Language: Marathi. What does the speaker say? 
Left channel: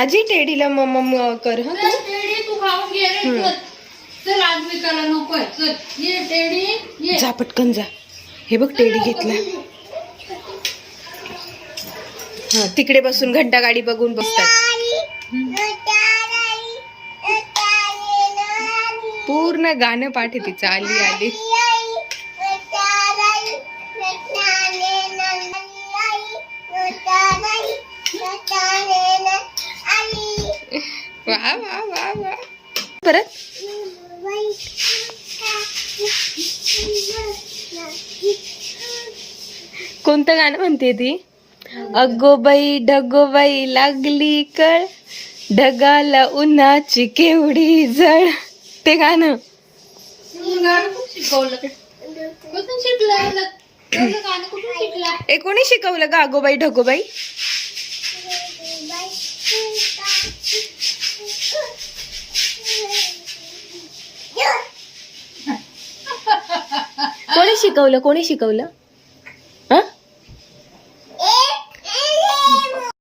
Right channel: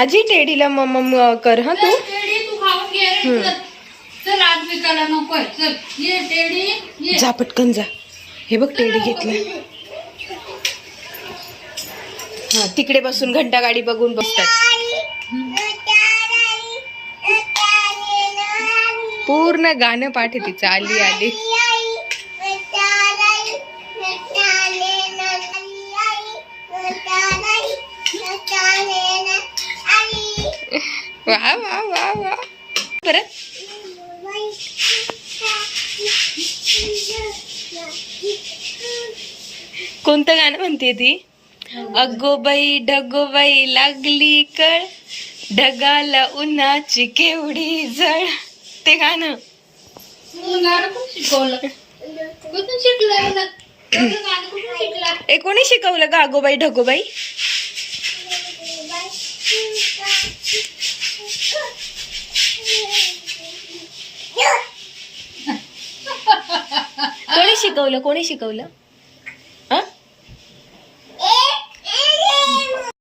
आजी टेडीला मम कर हा तू. टेडी तू खाऊन घे रे. चल आज विकायला नकोय. चल ये टेडी ये. जा पटकन जा. हे बघ टेडी घेतला. हा तिकडे बसून घंटा गाडी बघून बसतात. पूर्ण गाणं पाठ आहे तिचं. आली आली. वा वा वा वा. परत कोणतं गाणं म्हणते ती? अगोबाई ढगोबाई लागली कळ, ढगाला उन्हाची केवढी जळ. ते गाणं शिकवलं कुठून शिकलं? गाणं कुठून शिकला? ए कोणी शिकवलं का अगोबाई ढगोबाई? कोणी शिकवलं?